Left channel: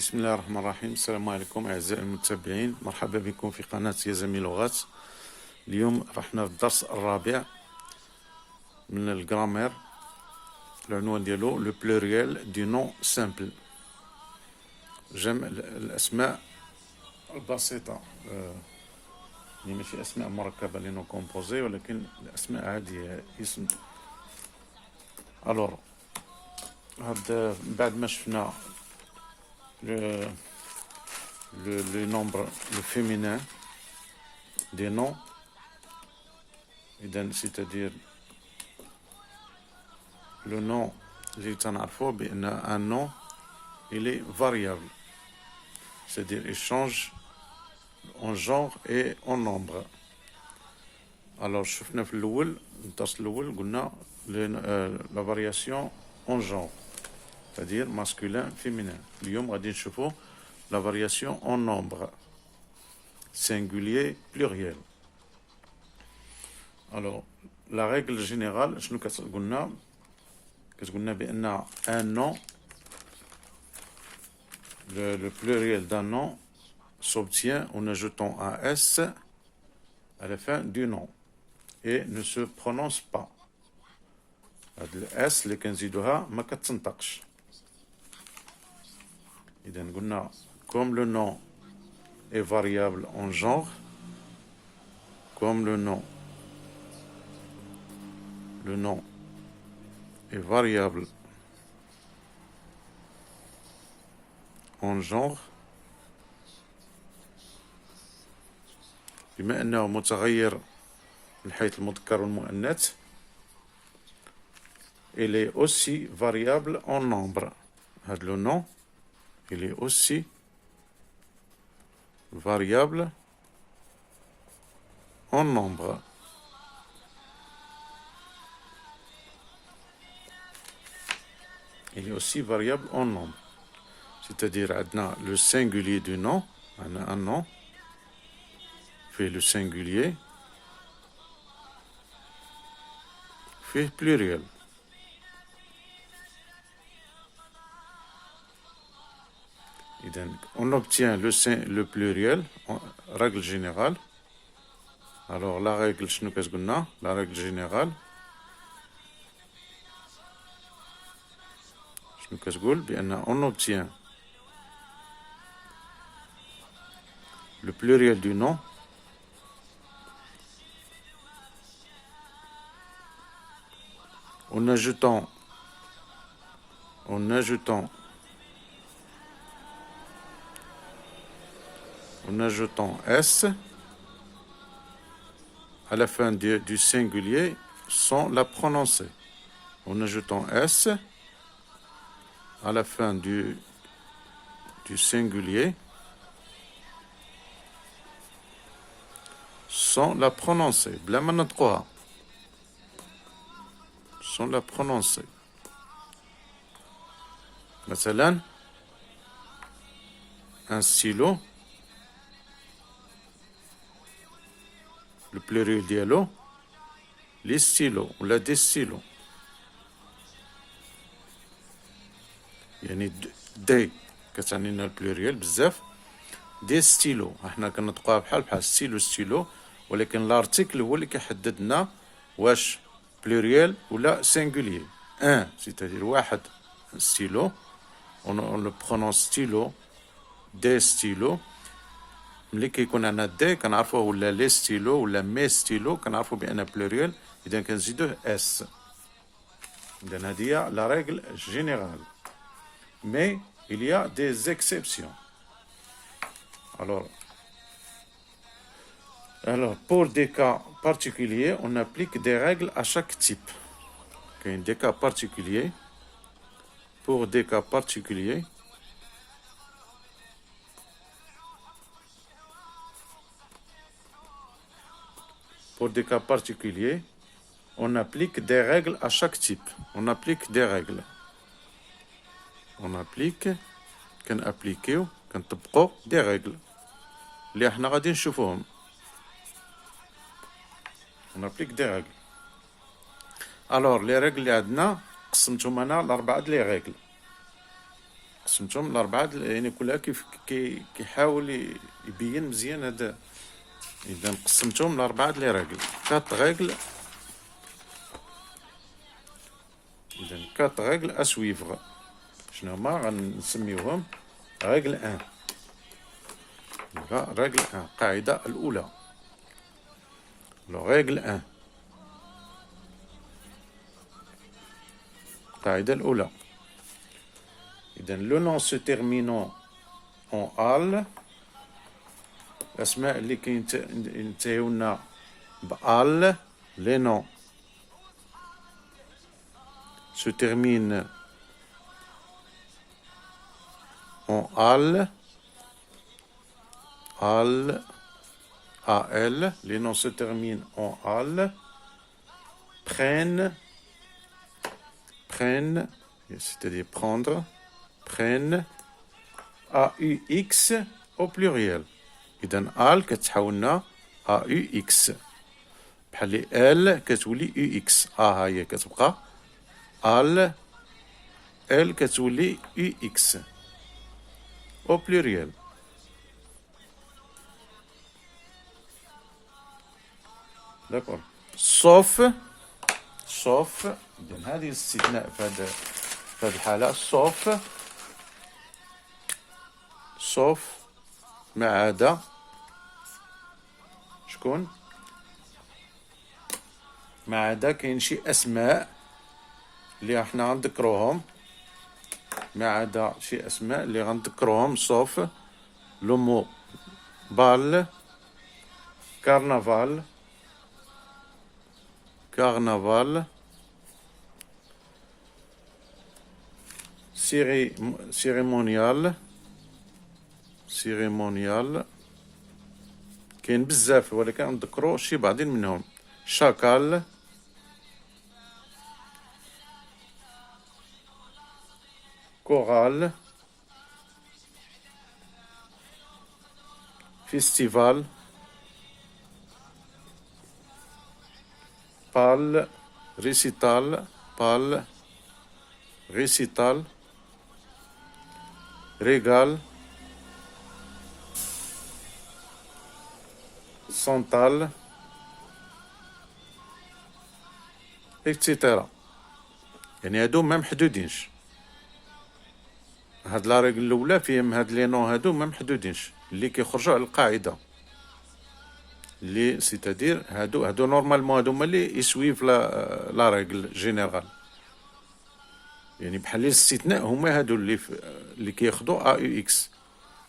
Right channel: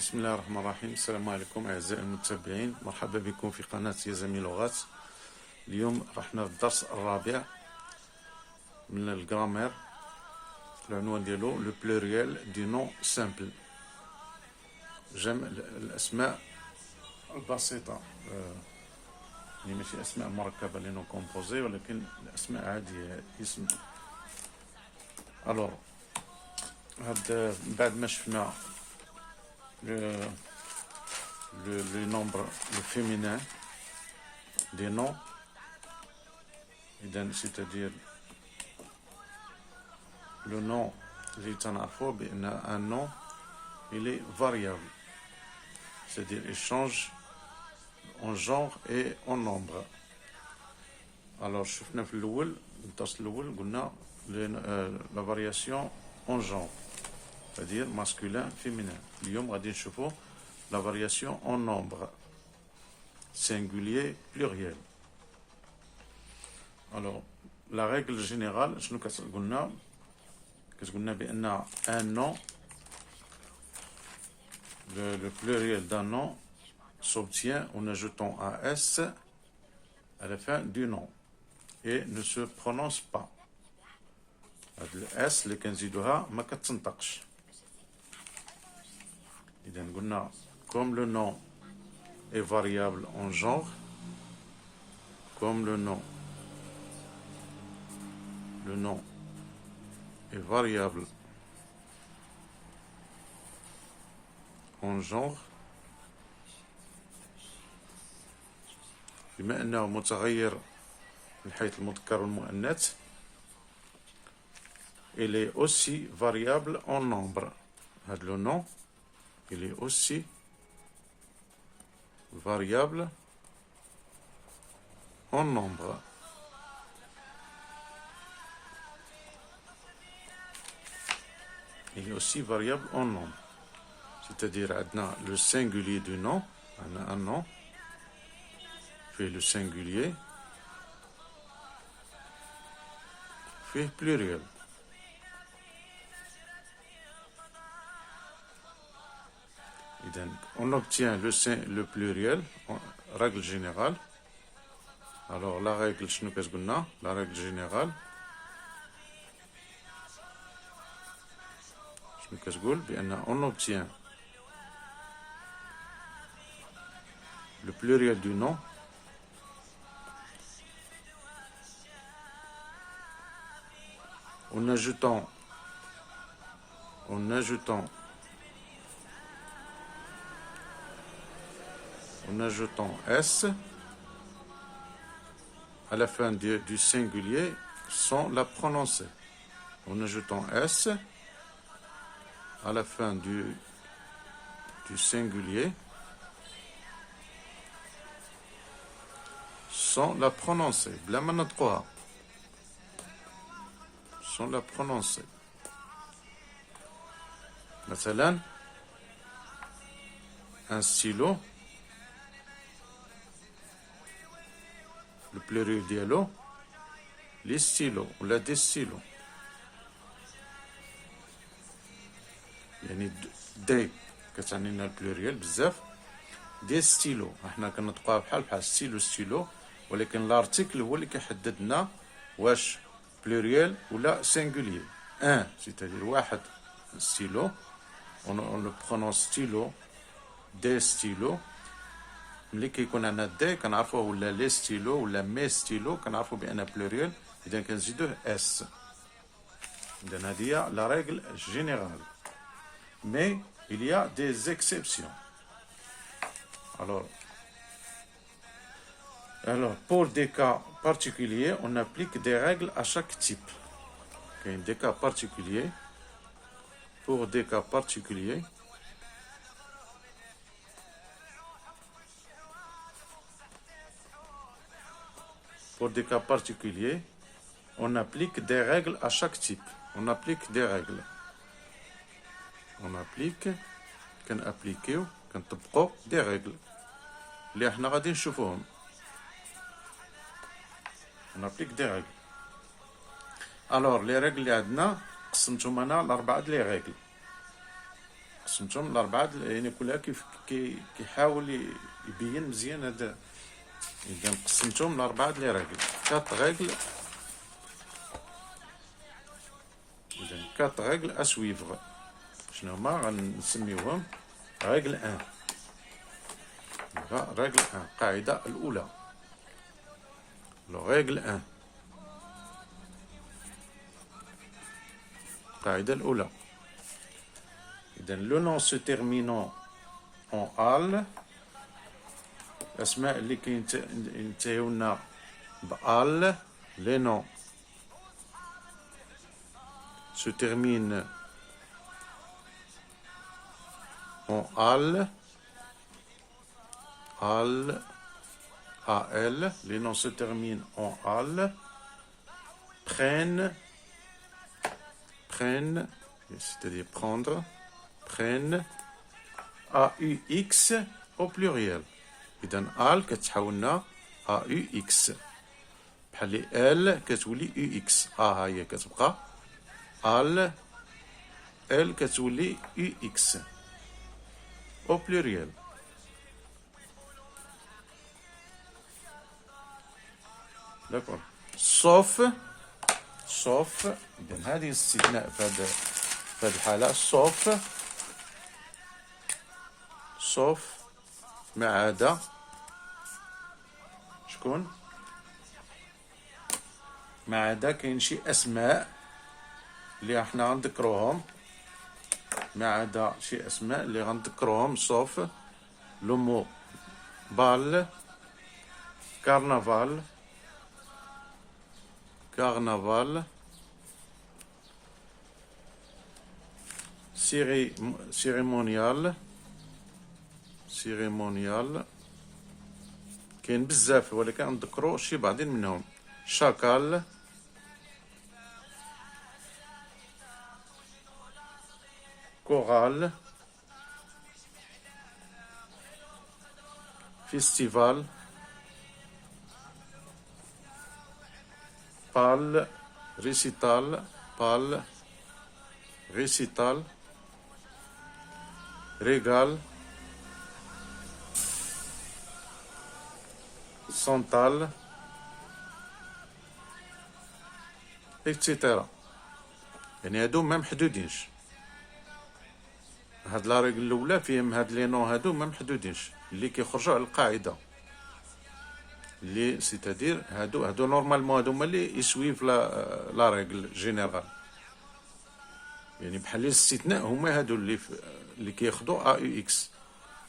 بسم الله الرحمن الرحيم. السلام عليكم أعزائي المتابعين، مرحبا بكم في قناة يزامي لغات. اليوم رحنا في الدرس الرابع من الجرامير. العنوان ديالو لو بلوريال دي نون سامبل، جمع الأسماء البسيطة، يعني ماشي أسماء مركبة لي نون كومبوزي، ولكن الأسماء عادية اسم. ألور هاد بعد ما شفنا le nombre, le féminin des noms, c'est-à-dire le nom, un nom, il est variable, c'est-à-dire il change en genre et en nombre. Alors, شفنا في الأول، الدرس الأول قلنا la variation en genre, c'est-à-dire masculin, féminin. اليوم غادي نشوفو la variation en nombre, singulier, pluriel. Alors, la règle générale, شنو كتقولنا بأن un nom, le pluriel d'un nom s'obtient en ajoutant un S à la fin du nom et ne se prononce pas. Le S اللي كنزيدوها ما كتنطقش. إذا قلنا comme le nom est variable en genre, comme le nom est variable en genre، بما أنه متغير من حيث المذكر والمؤنث، il est aussi variable en nombre. هذا le nom il est aussi variable en nombre. Il est aussi variable en nombre. C'est-à-dire, le singulier du nom, un nom, fait le singulier, fait pluriel. On obtient le pluriel, règle générale. Alors, la règle, la règle générale, on obtient le pluriel du nom en ajoutant S à la fin du singulier sans la prononcer. En ajoutant S à la fin du singulier sans la prononcer. Sans la prononcer. مثلا un stylo، le pluriel ديالو les stylos ولا des stylos، يعني دي كتعنينا البلوريال بزاف. دي ستيلو احنا كنطقوها بحال ستيلو، ولكن لارتيكل هو اللي كيحدد لنا واش بلوريال ولا سينغولير. c'est-à-dire واحد ستيلو on le prononce stylo، دي ستيلو. ملي كيكون عندنا دي كنعرفوه ولا لي ستيلو ولا مي ستيلو، كنعرفو بان بلوريال، اذا كنزيدوه اس. اذا هذه هي لا ريغل جينيرال، mais il y a des exceptions. Alors, pour des cas particuliers, on applique des règles à chaque type. Des cas particuliers, pour des cas particuliers, on applique des règles à chaque type. On applique des règles. كنطبقوا des règles اللي احنا غادي نشوفوهم. On applique des règles. Alors, les règles اللي عندنا قسمتهم انا لاربعه لي règles. قسمتهم لأربعة، يعني كلها كيف كيحاول يبين مزيان هذا. إذا قسمتهم لأربعة لي راجل، 4 règles. إذا 4 règles à suivre. شنو هما غنسميوهم؟ règle 1. règle 1 القاعدة الأولى. règle 1 القاعدة الأولى. إذا لو نون سو تيرمينون اون آل، الأسماء اللي كينتهيونا بآل، لي نون se termine en AL, AL, AL, les noms se terminent en AL, prennent, c'est-à-dire prendre, prennent, AUX au pluriel. إذا AL كتحولنا AUX، بحال L كتولي UX، ها هي كتبقى AL، L كتولي UX au pluriel. D'accord. sauf إذن هذه الاستثناء في هذه الحالة، sauf ما عدا شكون؟ ما عدا كاين شي أسماء اللي احنا غنذكروهم، ما عدا شي أسماء اللي غنذكروهم، sauf لو مو بال، كارنافال، cérémonial، كاين بزاف ولكن نذكرو شي بعضين منهم، شاكال، كورال، فيستيفال، بال، ريسيتال، ريغال، سانتال، اكسيتيرا. يعني هادو ما محدودينش، هاد لا ريغل الاولى فيهم هاد لي نون، هادو ما محدودينش اللي كيخرجوا على القاعده، اللي سيتادير هادو نورمالمون هادو هما اللي يسويف لا ريغل جينيرال. يعني بحال الاستثناء هما هادو اللي كياخدو AUX،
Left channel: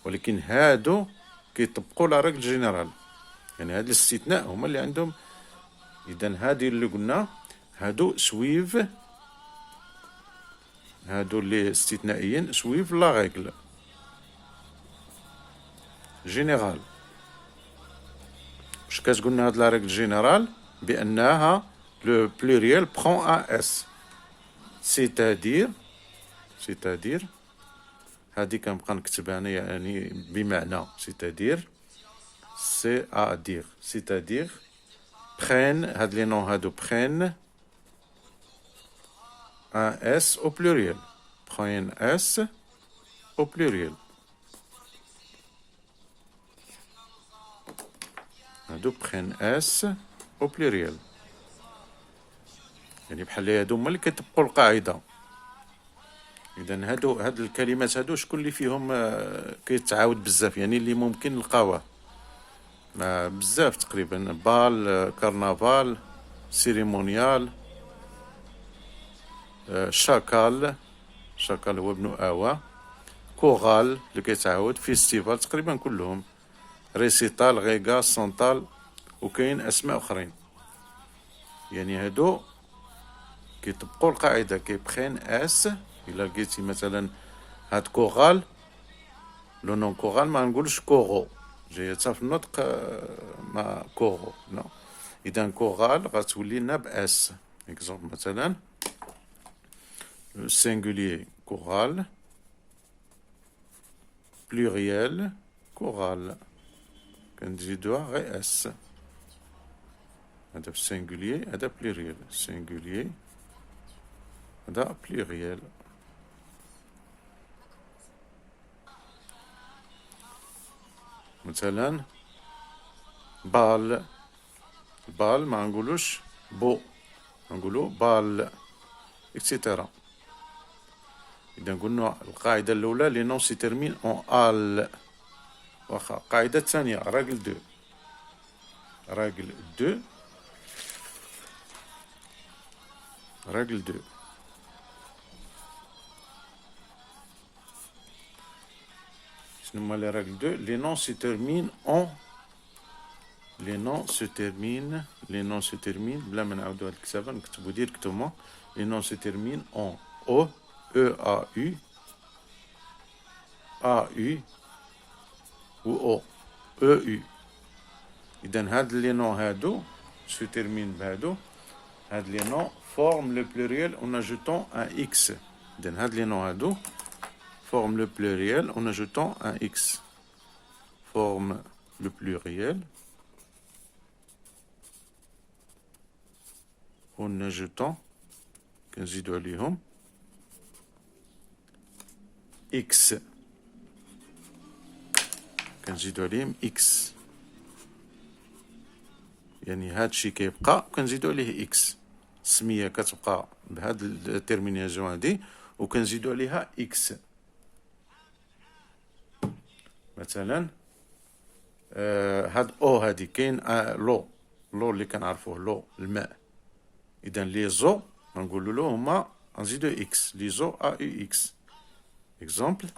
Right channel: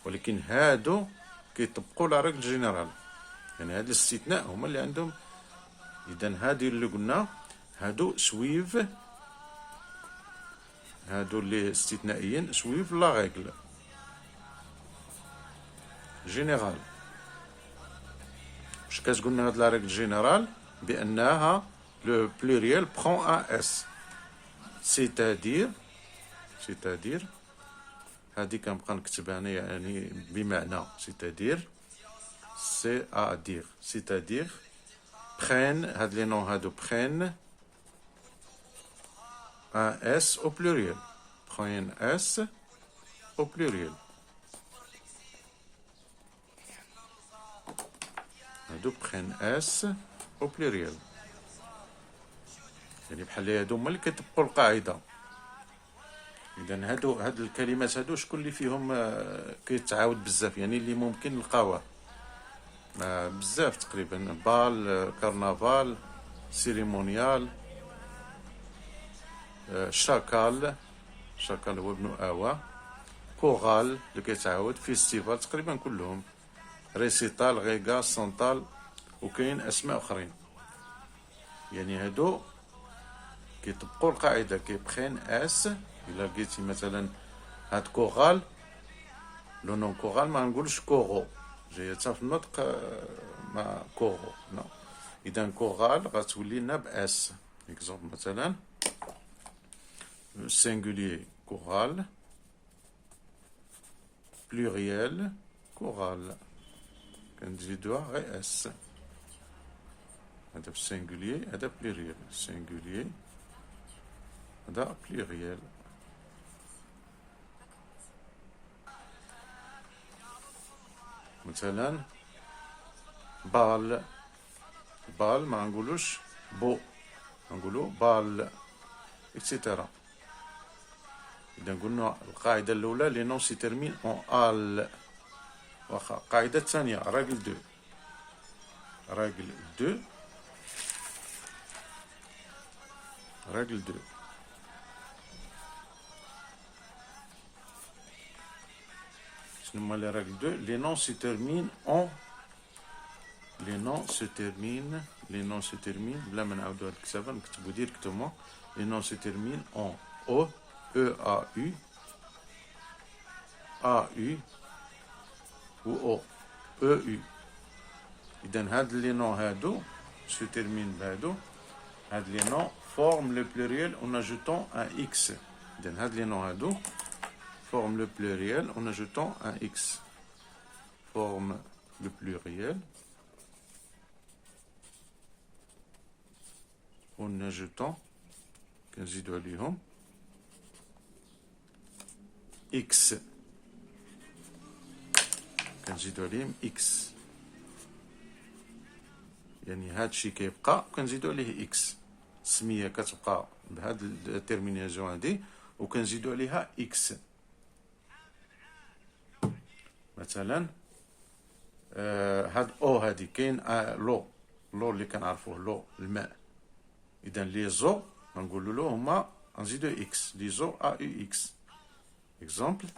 ولكن هادو كيطبقوا لا ريغل جينيرال. يعني هاد الاستثناء هما اللي عندهم. اذا هادي اللي قلنا هادو سويف، هادو اللي استثنائيين سويف لا ريغل جينيرال. واش كتقولنا هاد لا ريغل جينيرال؟ بانها لو بلوريال برون اس، سيتادير هادي كنبقى نكتبها انا، يعني بمعنى سيتادير سيتادير prennent، هاد لي نون هادو prennent un S au pluriel، prennent S au pluriel. هادو prennent S au pluriel، يعني بحال هادو هما اللي كيطبقوا القاعدة. إذا هاد الكلمات هادو شكون اللي فيهم كيتعاود بزاف، يعني اللي ممكن نلقاوه بزاف تقريبا، بال، كارنافال، سيريمونيال، شاكال هو ابن آوا، كورال اللي كيتعاود، فيستيفال تقريبا كلهم، ريسيتال، غيغا، سانتال، وكاين أسماء أخرين. يعني هادو كيطبقوا القاعدة، كيبخين اس. إلا لقيتي مثلا هاد كورال، لو نون كورال ما نقولش كورو، جاية في النطق ما كورو، نو. إذا كورال غتولي لنا بأس. إكزومبل مثلا singulier كورال، pluriel كورال، كنزيدوها غير اس. هذا singulier، هذا pluriel، singulier هذا pluriel. مثلا بال، بال ما نقولوش بو، نقولو بال اكسيتيرا. إذا قلنا القاعدة الأولى لي نون سي تيرمين أون آل. واخا القاعدة الثانية راجل دو، راجل دو، راجل دو. شنو هما لي راجل دو؟ لي نون سي تيرمين أون، لي نون سو تيرمين، لي نون سو تيرمين بلا ما نعاودو هاد الكتابة نكتبو ديريكتومون. لي نون سو تيرمين أون أو، أو أ يو، أ يو و أو، أو يو. إذا هاد لي نون هادو سو تيرمين بهادو، هاد لي نون forment le pluriel en ajoutant un x. إذا هاد لي نون هادو forment le pluriel en ajoutant un x. Forme le pluriel en ajoutant كنزيدو عليهم x، كنزيدو عليهم x. يعني هادشي كيبقى كنزيدو عليه x. السمية كتبقى بهاد التيرميناجون هادي وكنزيدو عليها x. مثلا هاد او هادي كاين لو، لو اللي كنعرفوه لو الماء. اذا لي زو نقولوا له هما نزيدو اكس، لي زو ا يو اكس. اكزومبل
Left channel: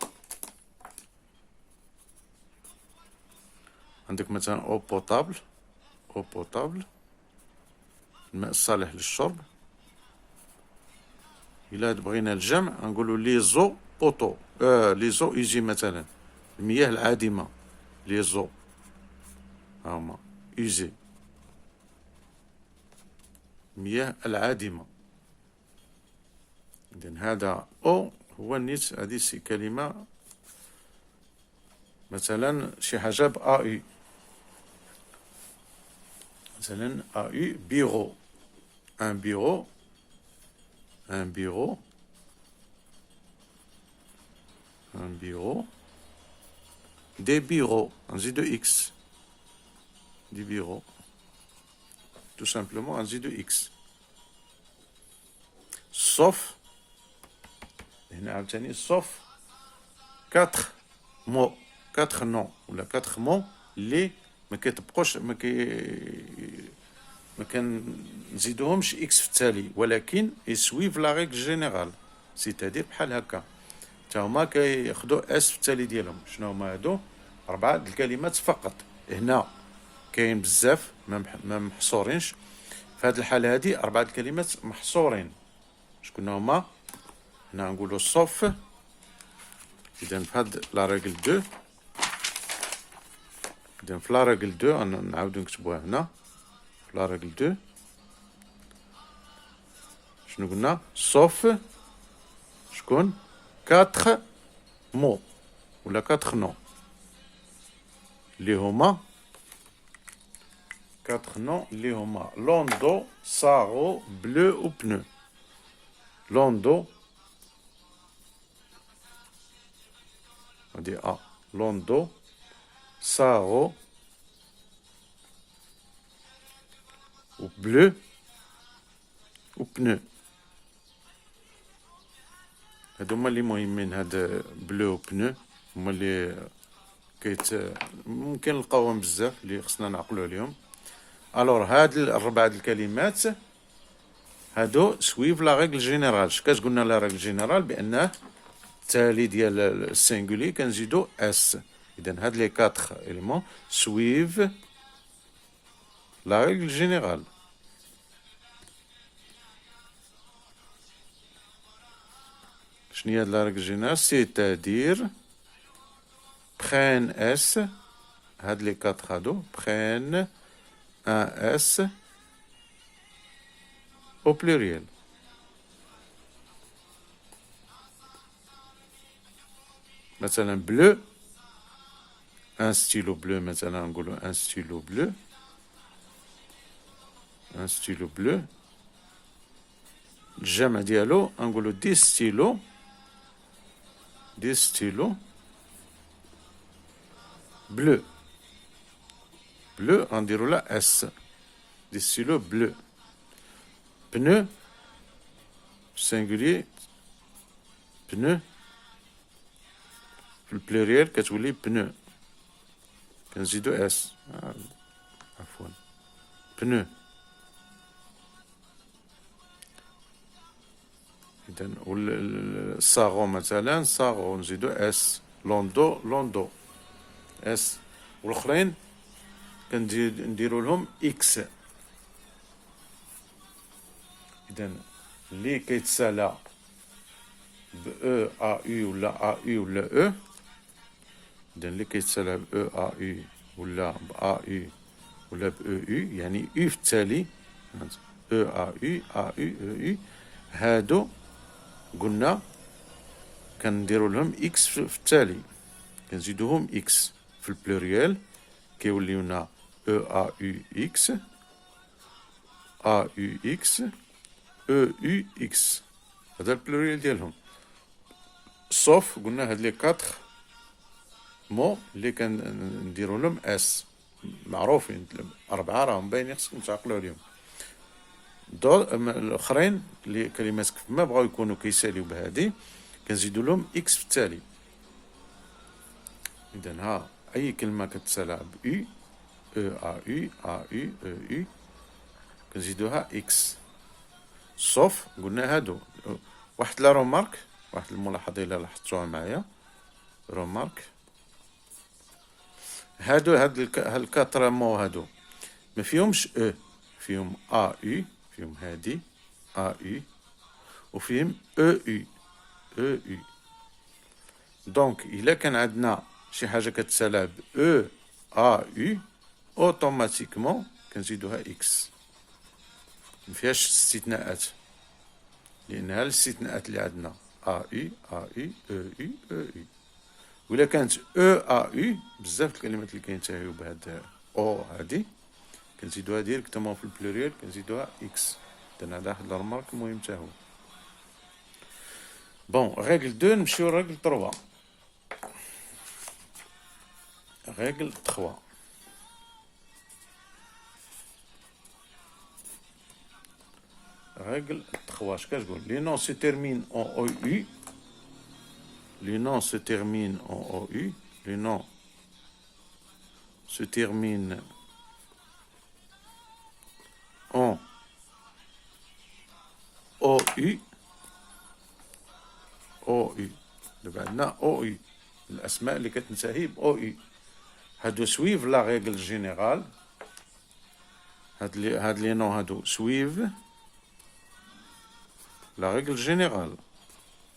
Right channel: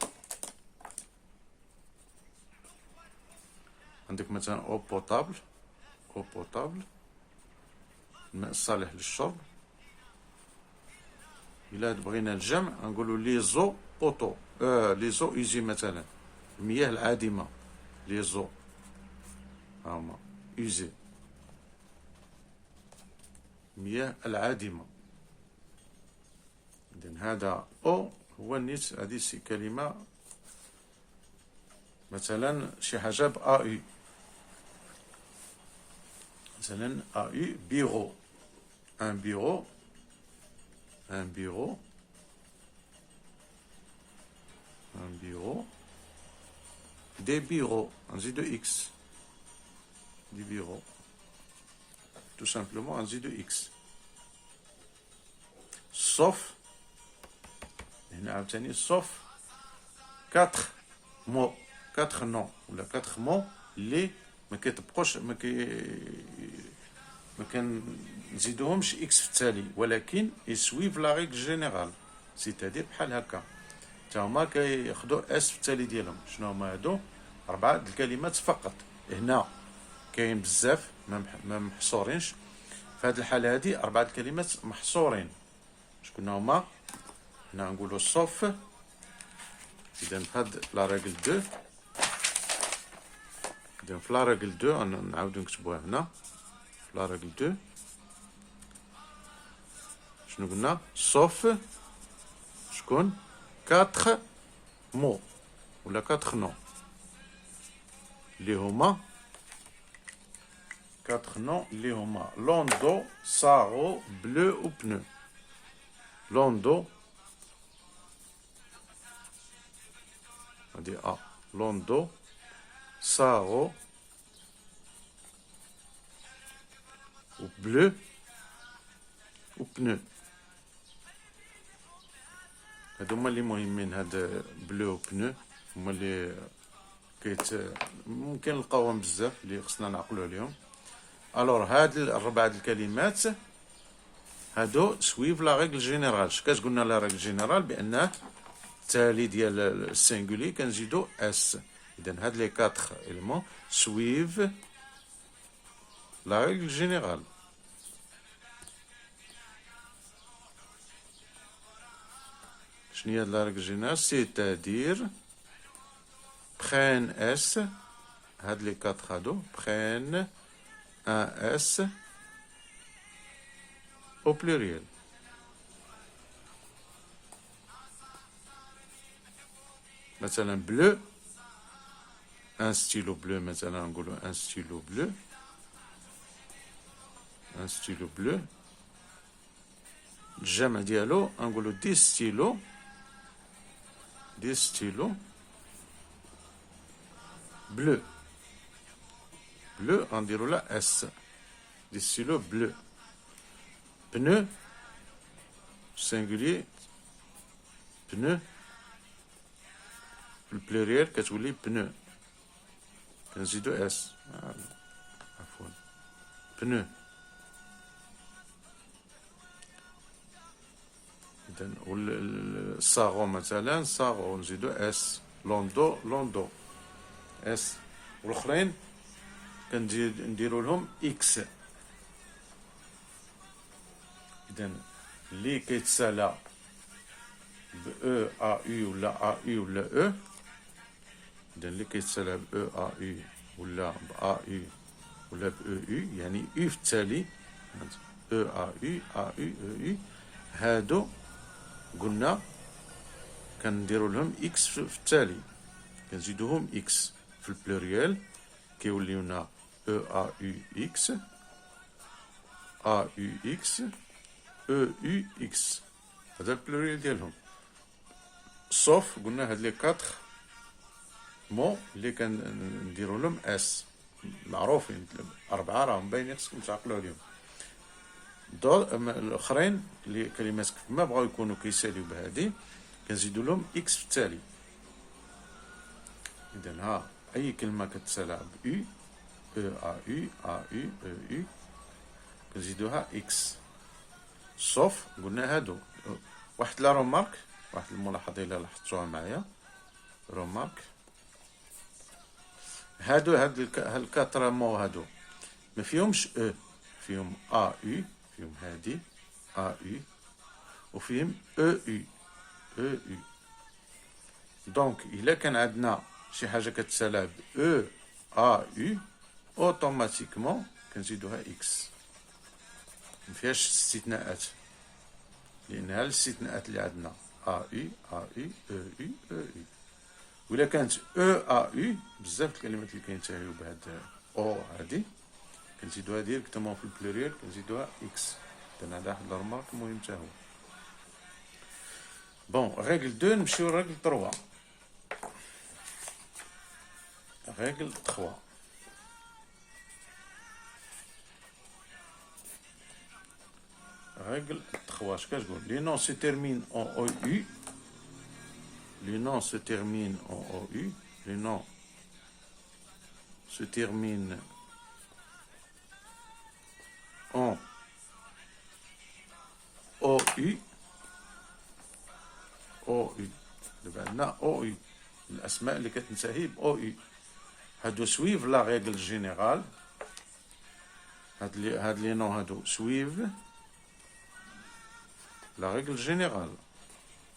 عندك مثلا او بوتابل، او بوتابل الماء الصالح للشرب. الا بغينا الجمع نقولوا لي زو بوتو، لي زو يجي مثلا المياه العادمة، لي زو هما يجي المياه العادمة. إذن هذا أو هو النيت، هذه كلمة مثلا شي حاجة ب أ يو، مثلا أ يو بيرو، ان بيرو، ان بيرو، ان بيرو، دي بيرو نزيدو إكس، دي بيرو tout simplement نزيدو إكس. sauf هنا عاوتاني sauf 4 mots، 4 noms ولا 4 mots اللي ما كيطبقوش، ما كنزيدوهمش اكس في التالي، ولكن يسويف لا ريغل جينيرال، سيتادير بحال هكا تا هما كياخدو اس في التالي ديالهم. شنو هما هادو؟ 4 الكلمات فقط. هنا كاين بزاف ما محصورينش، في هاد الحالة هادي 4 الكلمات محصورين. شكون هما؟ هنا نقولو صوف. إذا في هاد لا ريغل دو، إذا في لا ريغل دو نعاودو نكتبوها هنا في لا ريغل دو. شنو قلنا؟ صوف شكون؟ 4 مو ولا 4 نو اللي هما 4 نو اللي هما لوندو، سارو، بلو و بنو. لوندو هادي ا، لوندو، سارو و بلو و بنو. هادو هما اللي مهمين، هاد بلو و بنو هما اللي ممكن نلقاوهم بزاف اللي خصنا نعقلو عليهم. الوغ هاد 4 الكلمات هادو سويف لا ريغل جينيرال. كتقولنا لا ريغل جينيرال بانه التالي ديال السينغولي كنزيدو اس. اذا هاد لي 4 إلمون سويف لا ريغل جينيرال. شنو هي لا ريغل جينيرال؟ سيتادير prennent S، هاد لي 4 هادو prennent un S au pluriel. مثلا bleu، un stylo bleu، مثلا نقولو un stylo bleu، un stylo bleu. الجمع ديالو نقولو دي ستيلو، دي ستيلو bleu. bleu غنديرو لها اس. دي ستيلو بلو. بنو سينغولي بنو، في البلوريال كتولي بنو، كنزيدو اس. عفوا بنو. إذا الصاغو مثلا صاغو نزيدو اس. لوندو لوندو اس. والاخرين نديرو لهم اكس. اذا اللي كيتسالى ب او ا يو ولا ا يو ولا او، اذا اللي كيتسالى ب او ا يو ولا ب ا يو ولا ب او يو، يعني يو في التالي، او ا يو ا يو او يو، هادو قلنا كنديرو لهم اكس في التالي، كنزيدوهم اكس في البلوريال كيوليونا او ا يو اكس، ا يو اكس، او يو اكس. هذا البلوريال ديالهم. صوف قلنا هاد لي 4 مو اللي كنديرو لهم اس معروفين، 4 راهم باينين خصكم تعقلوا عليهم. الاخرين اللي كلمات كيف ما بغاو يكونوا كيساليو بهادي كنزيدو لهم اكس في التالي. اذا ها اي كلمه كتسالى ب او ا يو ا يو او يو كنزيدوها اكس. صوف قلنا هادو واحد لا رومارك، واحد الملاحظه الا لاحظتوها معايا، رومارك هادو هاد الكاتر مو هادو ما فيهمش او، فيهم ا يو، فيهم هادي ا يو، وفيهم او يو او يو. دونك الا كان عندنا شي حاجه كتسالى ب او ا يو اوتوماتيكمون كنزيدوها اكس، مفيهاش استثناءات، لانها الاستثناءات اللي عندنا ا يو ا يو او يو او يو. ولا كانت او ا يو بزاف الكلمات اللي كينتهيو بهاد او هادي كنزيدوها ديريكتومون في البلوريال كنزيدوها اكس. اذا هذا واحد الرمارك مهم حتى هو. بون ريغل 2 نمشيو لريغل 3. ريغل 3. Règle 3, اش كتقول؟ Les noms se terminent en OU. Les noms se terminent en OU. Les noms se terminent en OU. OU. دابا عندنا OU الأسماء اللي كتنتهي ب OU. هادو سويف لا ريغل جينيرال. هاد لي نون هادو سويف لا ريغل جينيرال.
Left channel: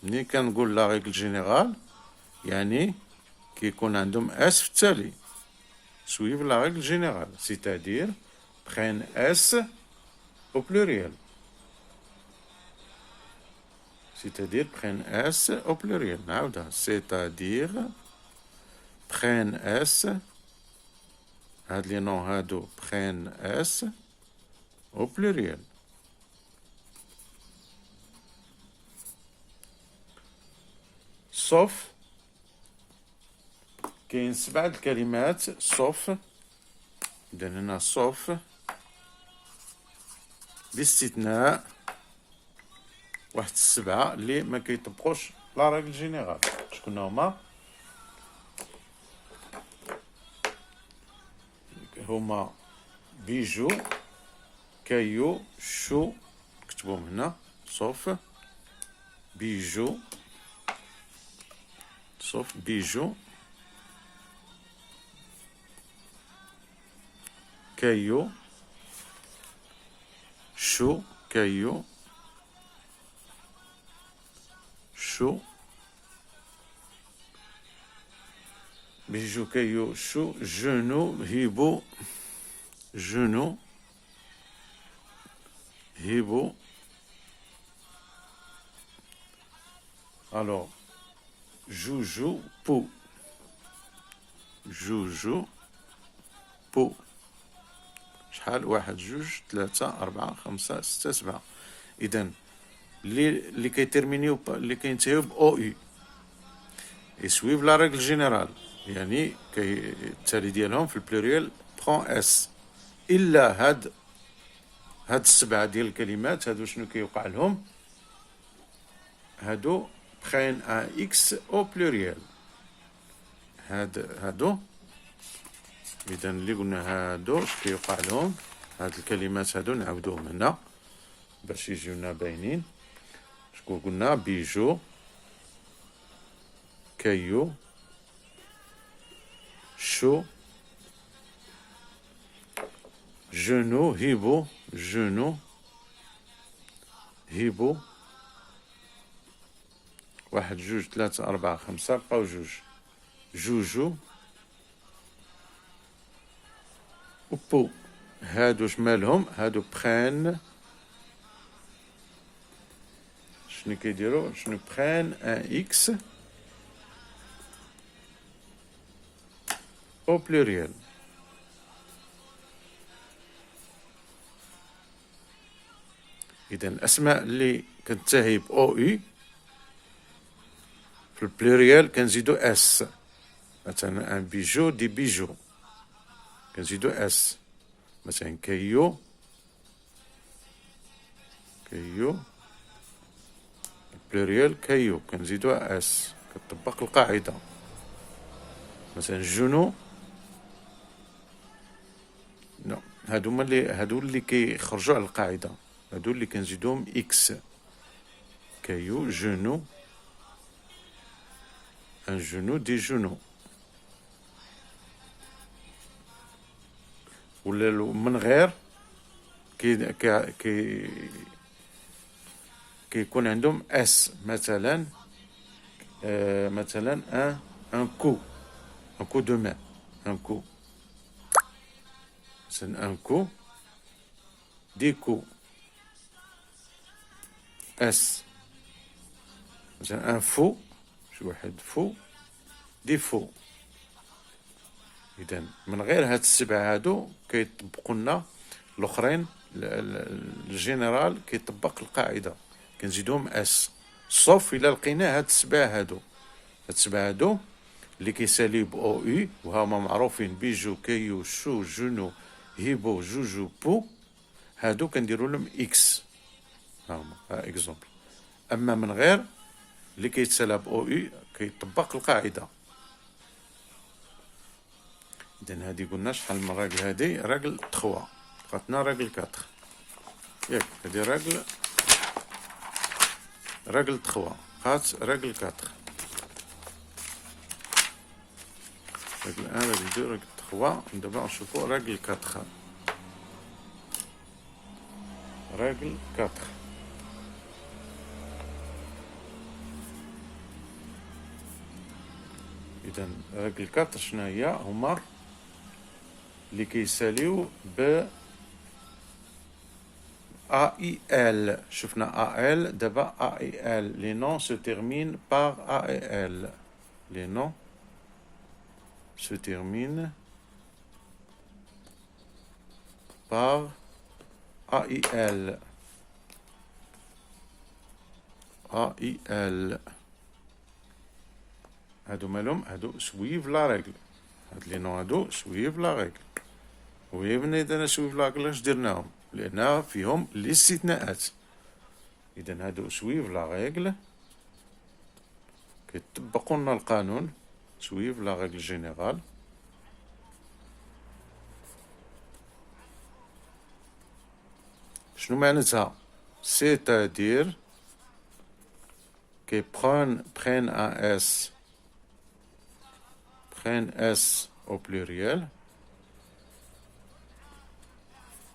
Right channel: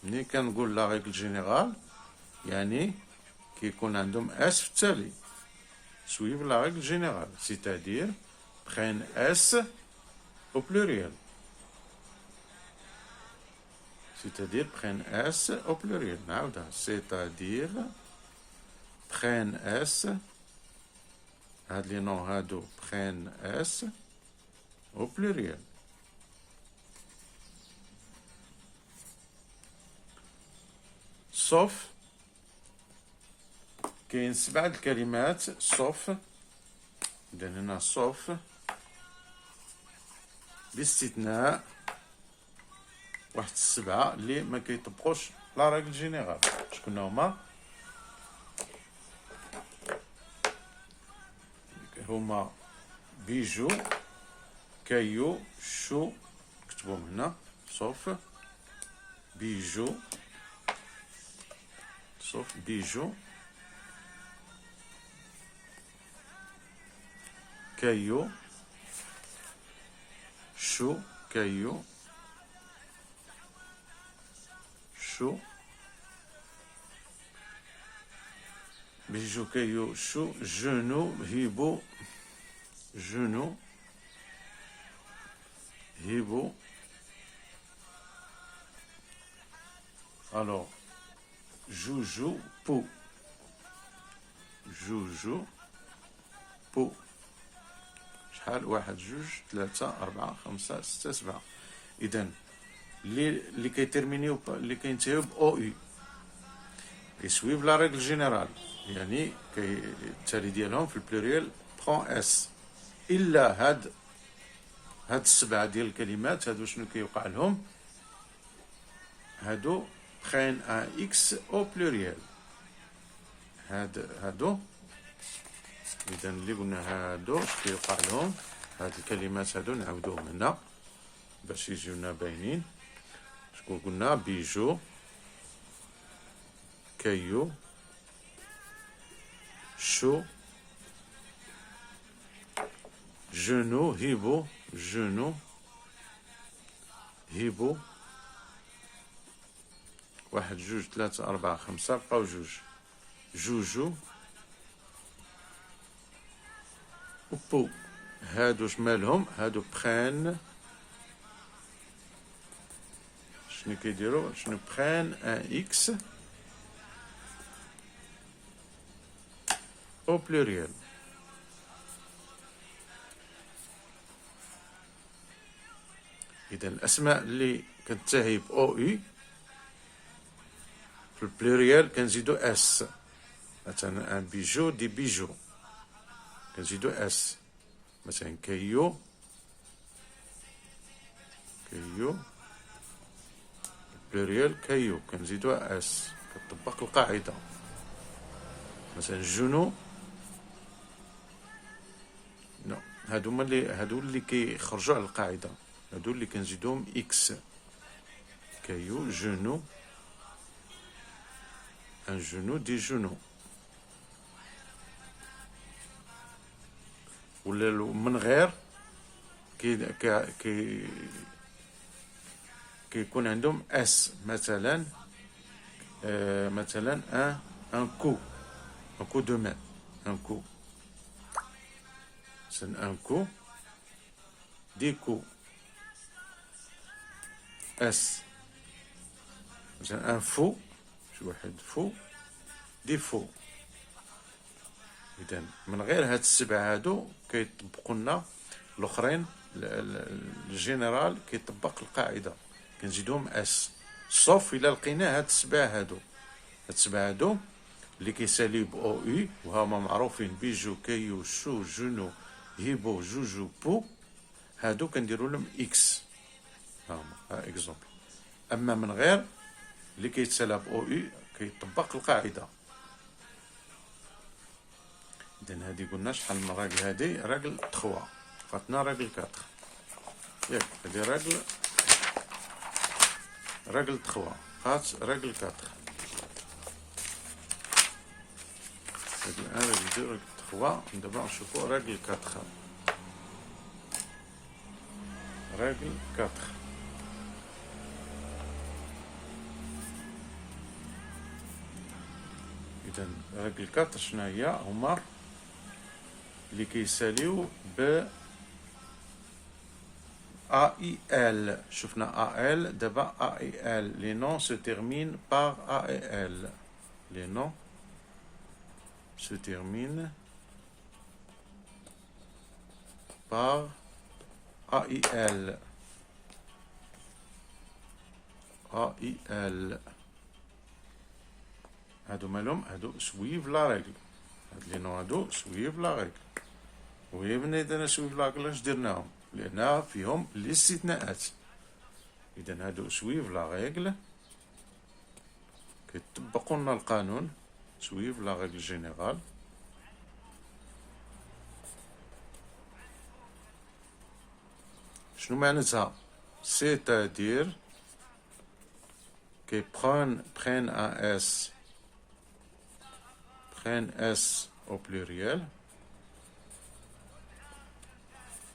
ملي كنقول لا ريغل جينيرال يعني كيكون عندهم اس في التالي. سويف لا ريغل جينيرال سيتادير prennent اس au pluriel. C'est-à-dire prennent S au pluriel. C'est-à-dire prennent S. هاد لي نون هادو prennent S au pluriel. sauf كاين 7 الكلمات sauf. إذا هنا sauf باستثناء واحد 7 اللي ما كيطبقوش لا ريغل جينيرال. شكون هما؟ هما بيجو، كايو، شو، نكتبوهم هنا sauf بيجو، sauf بيجو، كايو، شو، كايو، شو، بيجو، كايو، شو، جنو، هيبو، جنو، هيبو. alors جوجو، بو، جوجو، بو. شحال؟ 1 2 3 4 5 6 7. إذا اللي كيترمينيو اللي كينتهيو ب او يو يسويف لا ريغل جينيرال، يعني التالي ديالهم في البلوريال 3. برون اس. الا هاد السبعه ديال الكلمات هادو شنو كيوقع لهم؟ هادو برين ان اكس او بلوريال. هادو اذا اللي قلنا هادو اش كيوقع لهم؟ هاد الكلمات هادو نعاودوهم هنا باش يجيونا باينين. شكون قلنا؟ بيجو، كايو، شو، جنو، هيبو، جنو، هيبو، واحد جوج ثلاثة أربعة خمسة، بقاو جوج، جوجو، وبو. هادو شمالهم؟ هادو بخان، شنو كيديرو؟ شنو بخان ان اكس او بلوريال. اذا الاسماء اللي كتنتهي ب او اي في البلوريال كنزيدو اس. مثلا ان بيجو دي بيجو كنزيدو اس. مثلا كايو، كايو بلوريال كايو كنزيدوها اس، كتطبق القاعدة. مثلا جنو، نو هادو اللي كيخرجوا على القاعدة، هادو اللي كنزيدوهم اكس. كايو، جنو، ان جنو دي جنو. ولا من غير كيكون عندهم اس. مثلا مثلا ان كو دو ماء، ان كو. مثلا ان كو دي كو اس. مثلا ان فو، شي واحد فو دي فو. اذا من غير هاد السبعه هادو كيطبقوا لنا الاخرين. الجنرال كيطبق القاعده كنزيدوهم اس، صوف الا لقينا هاد السبعه هادو. هاد السبعه هادو اللي كيساليو ب او اي وهما معروفين: بيجو، كايو، شو، جنو، هيبو، جوجو، بو. هادو كنديرو لهم اكس. هاهما اكزومبل. اما من غير اللي كيتسالى ب او اي كيطبق القاعده. اذا هادي قلنا شحال من راجل؟ هادي راجل 3، بقاتنا راجل 4. ياك هادي راجل 3، بقات راجل 4. راجل 1، راجل 2، راجل 3. دابا نشوفو راجل 4. راجل 4. اذا راجل 4 شنو هي؟ هما اللي كيساليو ب AIL. شفنا AL، دابا AIL. Les noms se terminent par AIL. Les noms se terminent par AIL. AIL. هادو مالهم؟ هادو سويف لا ريغل. هاد لي نون هادو سويف لا ريغل. وهي من إذا سويف لا ريغل اش درناهم؟ لأن فيهم الاستثناءات. إذا هادو سويف لا ريغل، كيطبقوا لنا القانون. سويف لا ريغل جينيرال. شنو معناتها؟ c'est-à-dire que prennent un S au pluriel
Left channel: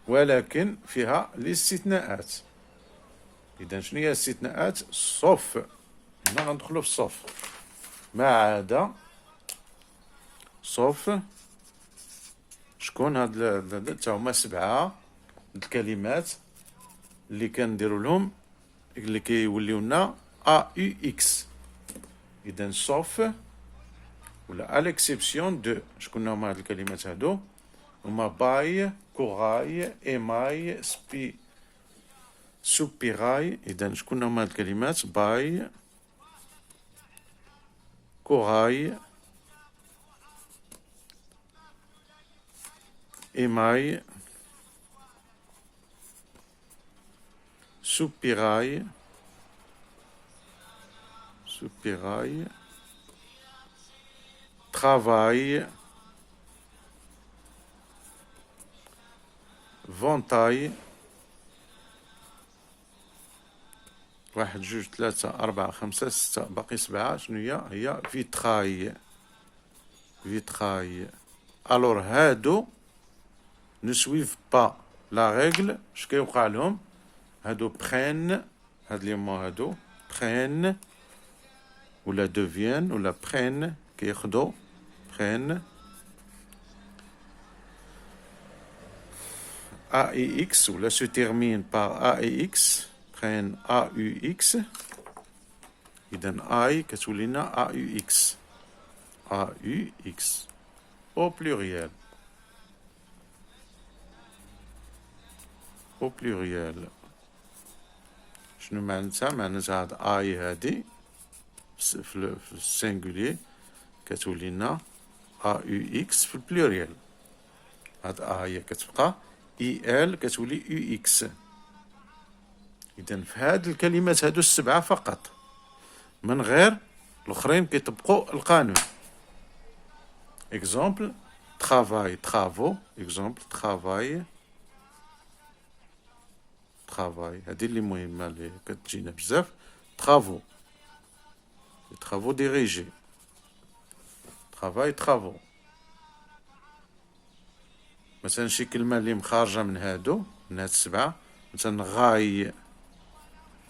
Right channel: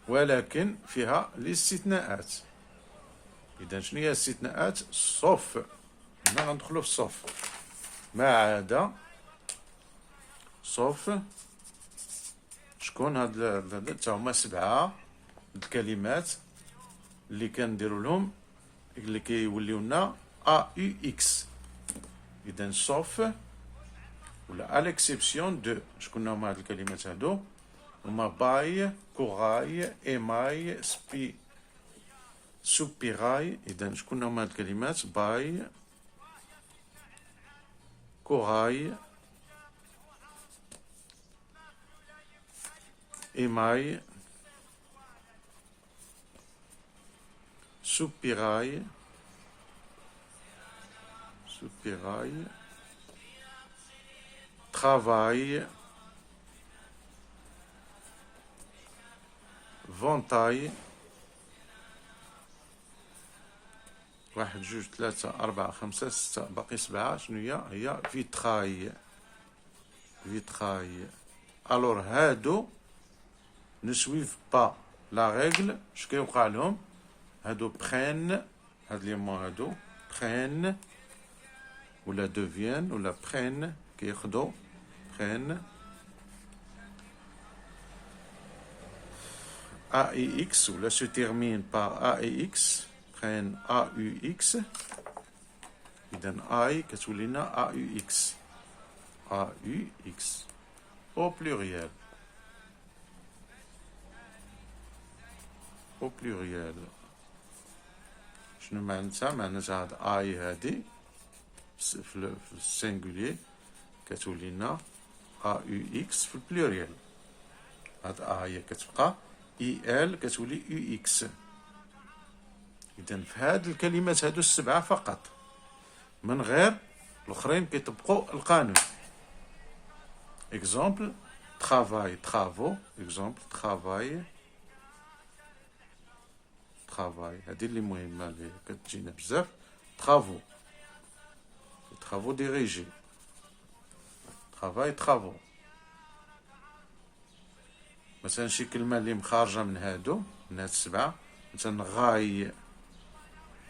ولكن فيها الاستثناءات. إذا شنو هي الاستثناءات؟ صوف. هنا غندخلو في الصوف. ما عدا صوف شكون؟ هاد تا هما 7 الكلمات اللي كنديرو لهم اللي كيوليو لنا AUX. إذا صوف ولا أليكسيبسيون دو. شكون هما هاد الكلمات هادو؟ هما باي، كوراي، إيماي، سوبيراي. إذا شكون هما هاد الكلمات؟ باي، كوراي، émail, soupirail, soupirail, travail, ventail. واحد جوج ثلاثة أربعة خمسة ستة باقي سبعة. شنو هي فيتراي. فيتراي. الور هادو نسويف با لا ريغل. اش كيوقع لهم؟ هادو بخين، هاد لي مو هادو بخين ولا دوفيان ولا بخين كياخدو بخين A et X ولا se termine par A et X. prennent AUX. إذن I كتولينا AUX. AUX au pluriel. au pluriel. شنو معناتها؟ معناتها هاد I هادي في السينغولير كتولينا AUX في البلوريال. هاد A هي كتبقى IL كتولي UX. إذن في هاد الكلمات هادو السبعة فقط، من غير الآخرين كيطبقوا القانون. إكزومبل travail travaux. إكزومبل travail travail. هادي اللي مهمة اللي كتجينا بزاف. travaux travaux dirigés. travail travaux. مثلا شي كلمة اللي مخارجة من هادو، من هاد السبعة، مثلا غاي.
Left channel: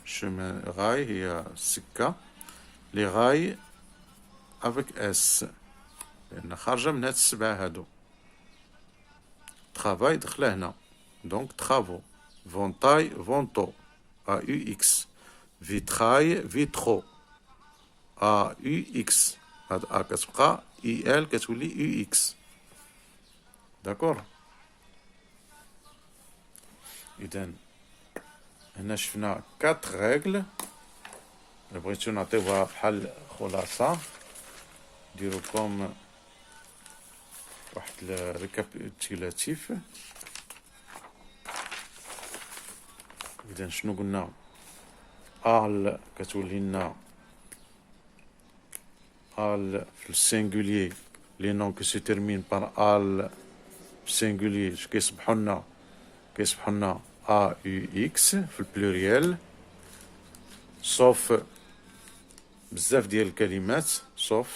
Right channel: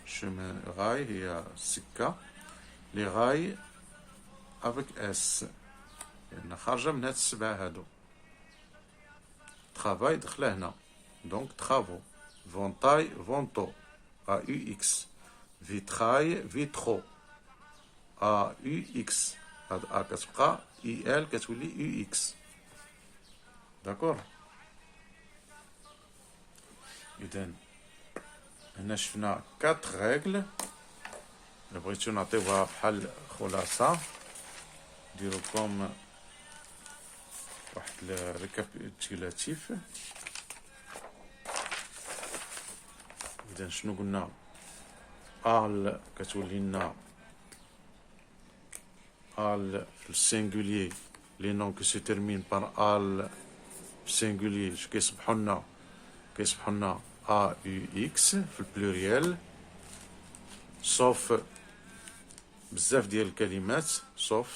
chemin غاي هي السكة. لي غاي افيك اس لأن خارجة من هاد السبعة هادو. travail دخله هنا دونك travaux. ventail vento AUX. vitrail vitro AUX. هاد A كتبقى IL كتولي UX. داكور. إذن هنا شفنا 4 ريغل. بغيتو نعطيوها بحال خلاصة، نديرو كوم واحد الريكابيتولاتيف. إذن شنو قلنا؟ آل كتولي لنا آل في السينغولير. لي نون كي سي تيرمين بار آل في السينغولير كيصبحو لنا AUX في البلوريال. صوف بزاف ديال الكلمات. صوف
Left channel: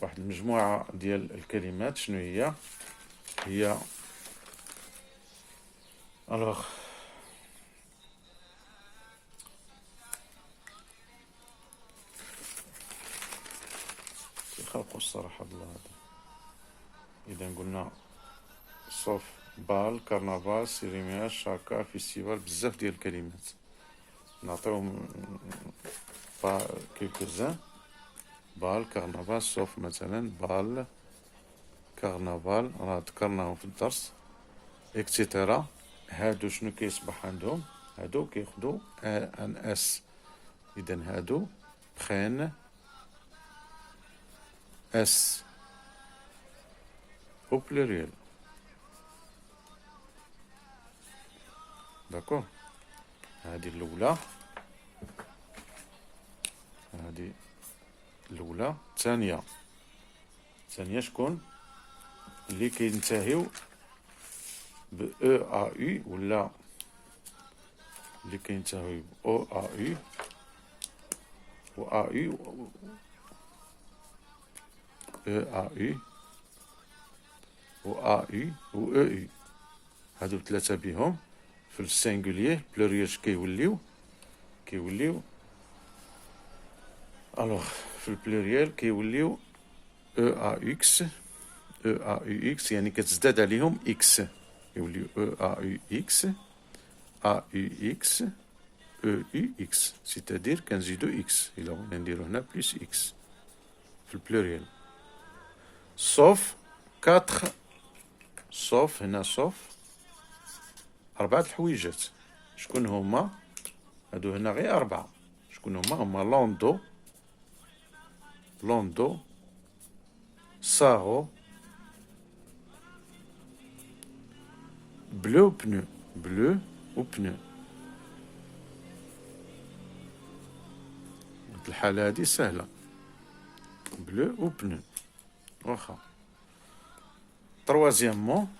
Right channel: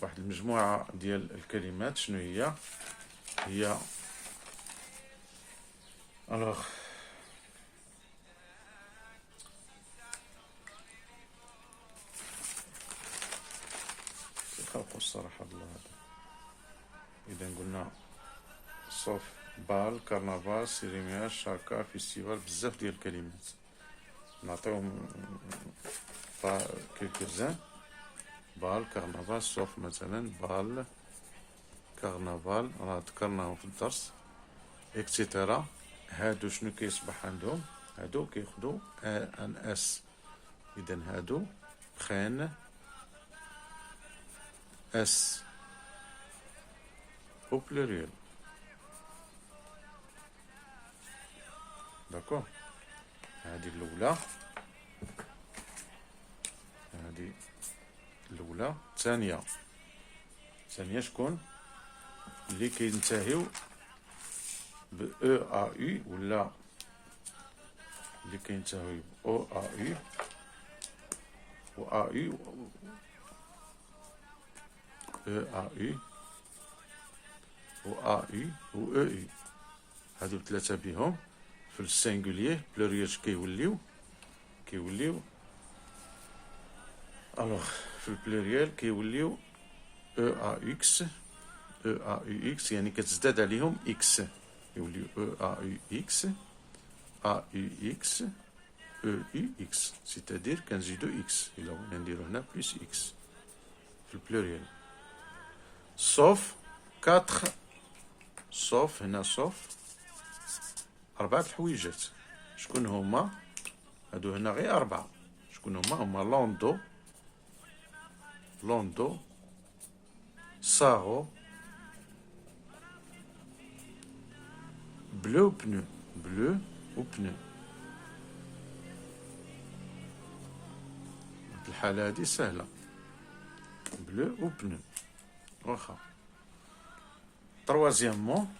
واحد المجموعة ديال الكلمات. شنو هي الوغ خلقوا الصراحة بالله هذا. إذا قلنا صوف بال كرنفال سيريمياج شاكا فيستيفال بزاف ديال الكلمات. نعطيهم كيلكوزان. بال كرنفال صوف مثلا بال كرنفال راه ذكرناهم في الدرس اكسيتيرا. هادو شنو كيصبح عندهم؟ هادو كياخدو ان اس. اذا هادو بخين اس au pluriel. داكور. هادي الأولى. هادي الأولى. الثانية شكون؟ اللي كينتهيو ب او ا يو ولا اللي كينتهيو ب او ا يو و ا يو او ا يو و ا يو و او يو. هادو ثلاثة بهم في السينغولير بلوريال كيوليو الوغ في البلوريال كيوليو او ا اكس. او ا يو اكس يعني كتزداد عليهم اكس، يوليو او ا يو اكس ا يو اكس او يو اكس. سيتادير كنزيدو اكس. الى بغينا نديرو هنا بليس اكس في البلوريال. صوف 4. صوف هنا صوف 4 الحويجات. شكون هما؟ هادو هنا غير 4. شكون هما؟ هما لوندو لوندو، ساغو، بلو بنو، بلو و بنو. الحالة هادي سهلة، بلو و بنو. واخا تروازيامون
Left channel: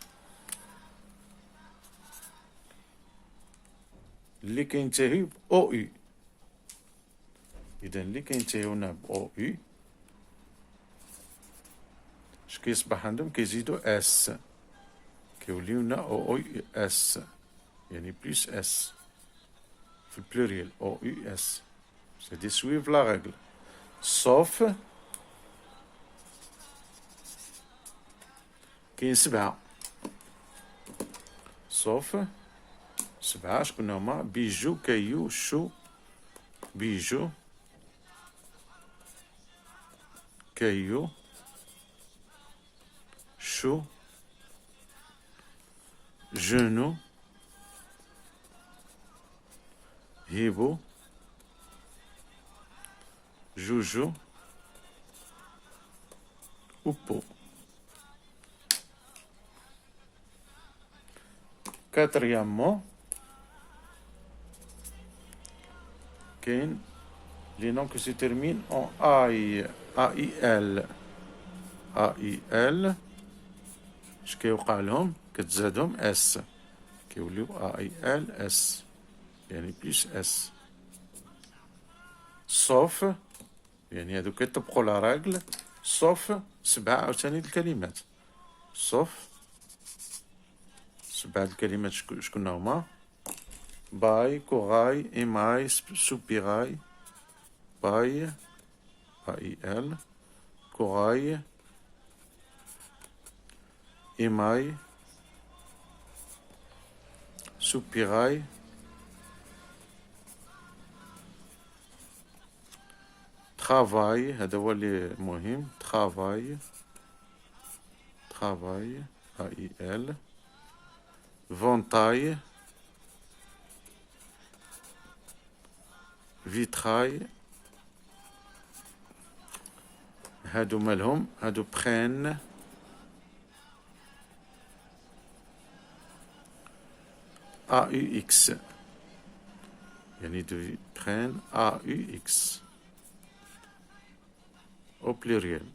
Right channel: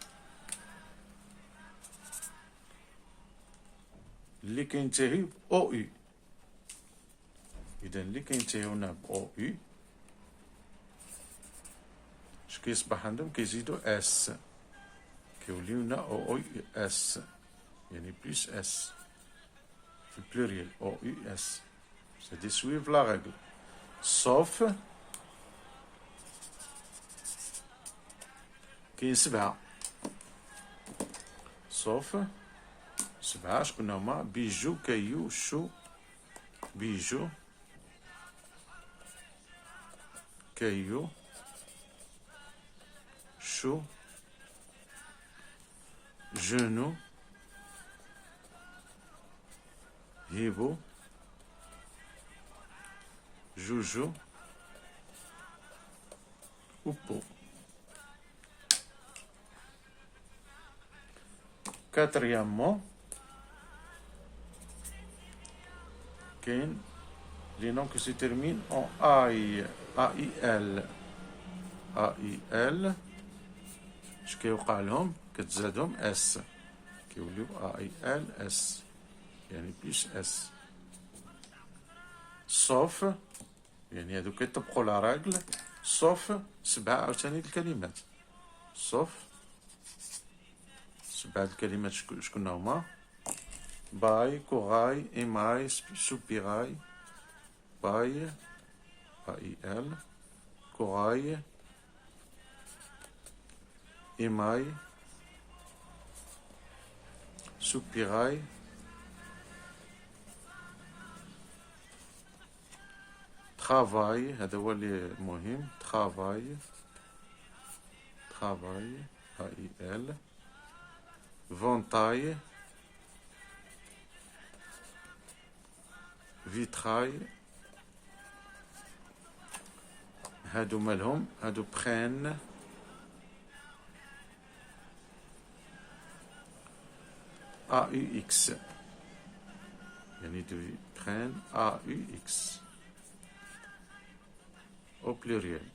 اللي كينتهي ب او يو. اذا اللي كينتهيو هنا ب او يو اش كيصبح عندهم؟ كيزيدو اس، كيوليو هنا او يو اس، يعني بلوس اس في البلوريال او يو اس. سيدي سويف لا رègle سوف كاين 7 سوف 7 شكون هما؟ بيجو، كايو، شو، بيجو، كايو، شو، جنو، هيبو، جوجو و بو. Quatrièmement كاين les noms qui se terminent en AI، AIL، AIL اش كيوقع لهم؟ كتزادهم اس، كيوليو AIL اس، يعني بليس اس. صوف يعني هادو كيطبقوا لا راغل، صوف 7 عاوتاني الكلمات، صوف 7 الكلمات شكون هما؟ باي، كوغاي، ايماي، سوبيراي، باي AIL، كوغاي، ايماي، سوبيراي، ترافاي، هذا هو اللي مهم، ترافاي، ترافاي AIL، فونتاي، فيتراي، هادو مالهم؟ هادو برين، AUX، يعني دو برين AUX au pluriel.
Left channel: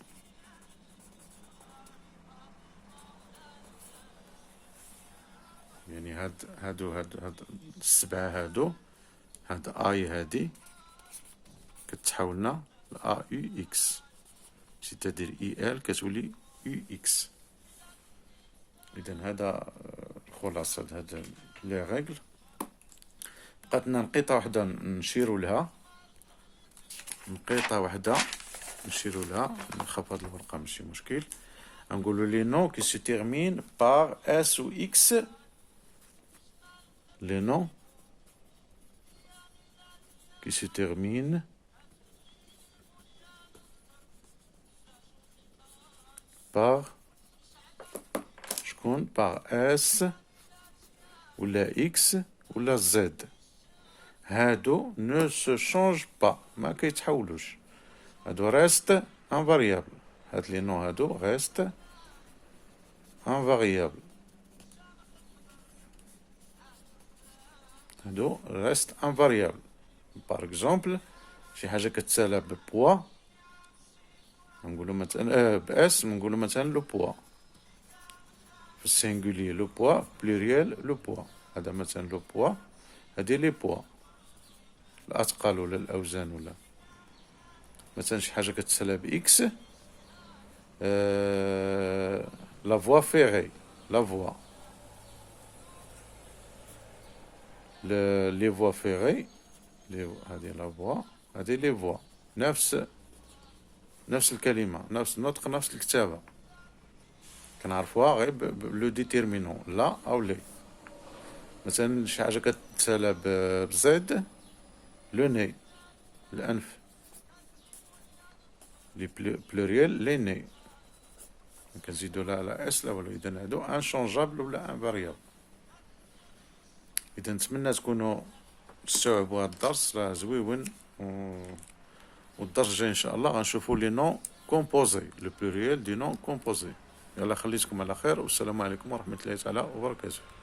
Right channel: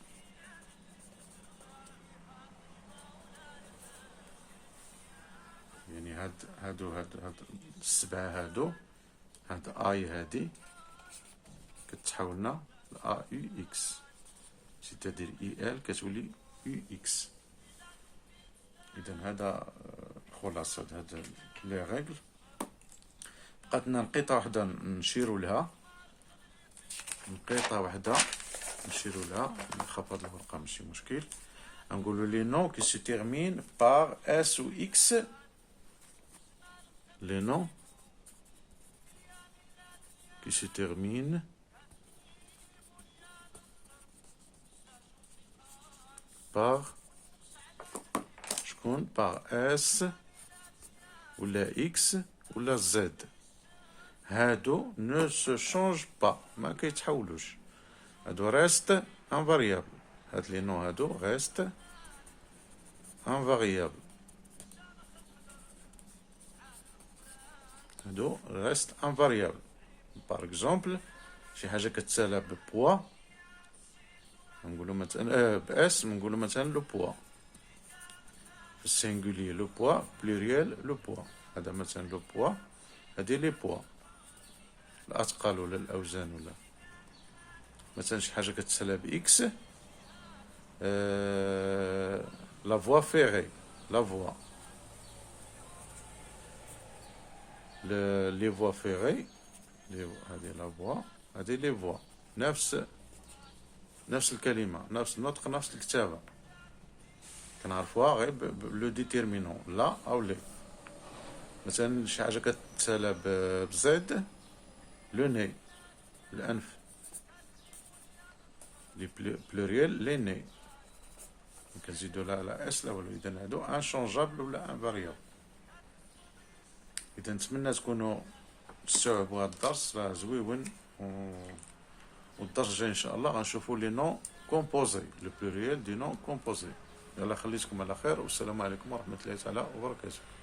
يعني هادو السبعة هادو، هاد اي هادي كتحولنا ل AUX، سيتادير IL كتولي UX. إذا هذا خلاصة هاد لي ريغل. بقات لنا نقيطة وحدة نشيرو لها، نقيطة وحدة نشيرو لها، نخاف هاد الورقة ماشي مشكل. نقولو لي نون كي سي تيرمين بار اس و اكس، les noms qui se terminent par شكون؟ par S ولا X ولا Z. هادو ne se change pas، ما كيتحولوش، هادو reste invariable. هاد لي نون هادو reste invariable، هادو reste invariable. par exemple شي حاجة كتسالى ببوا نقولو مثلا باس، نقولو مثلا لو بوا في السينغولي، لو بوا بلوريال لو بوا. هذا مثلا لو بوا، هادي لي بوا الأثقال ولا الأوزان. ولا مثلا شي حاجة كتسالى بإكس، لا فوا فيغي، لا فوا، لي فوا فيغي، هادي لا فوا، هادي لي فوا، نفس الكلمة، نفس النطق، نفس الكتابة، كنعرفوها غير بلو ديتيرمينون، لا أو لي. مثلا شي حاجة كتسالى بزيد، لو ني، الأنف، لي بلوريال لي ني، كنزيدو لا على اس لا والو. إذا هادو انشونجابل ولا انفاريابل. إذا نتمنى تكونوا تستوعبوا هاد الدرس، راه زويون والدرجة الجاية إن شاء الله غنشوفوا لي نون كومبوزي، لو بلوريال دي نون كومبوزي. يلا خليتكم على خير، والسلام عليكم ورحمة الله تعالى وبركاته.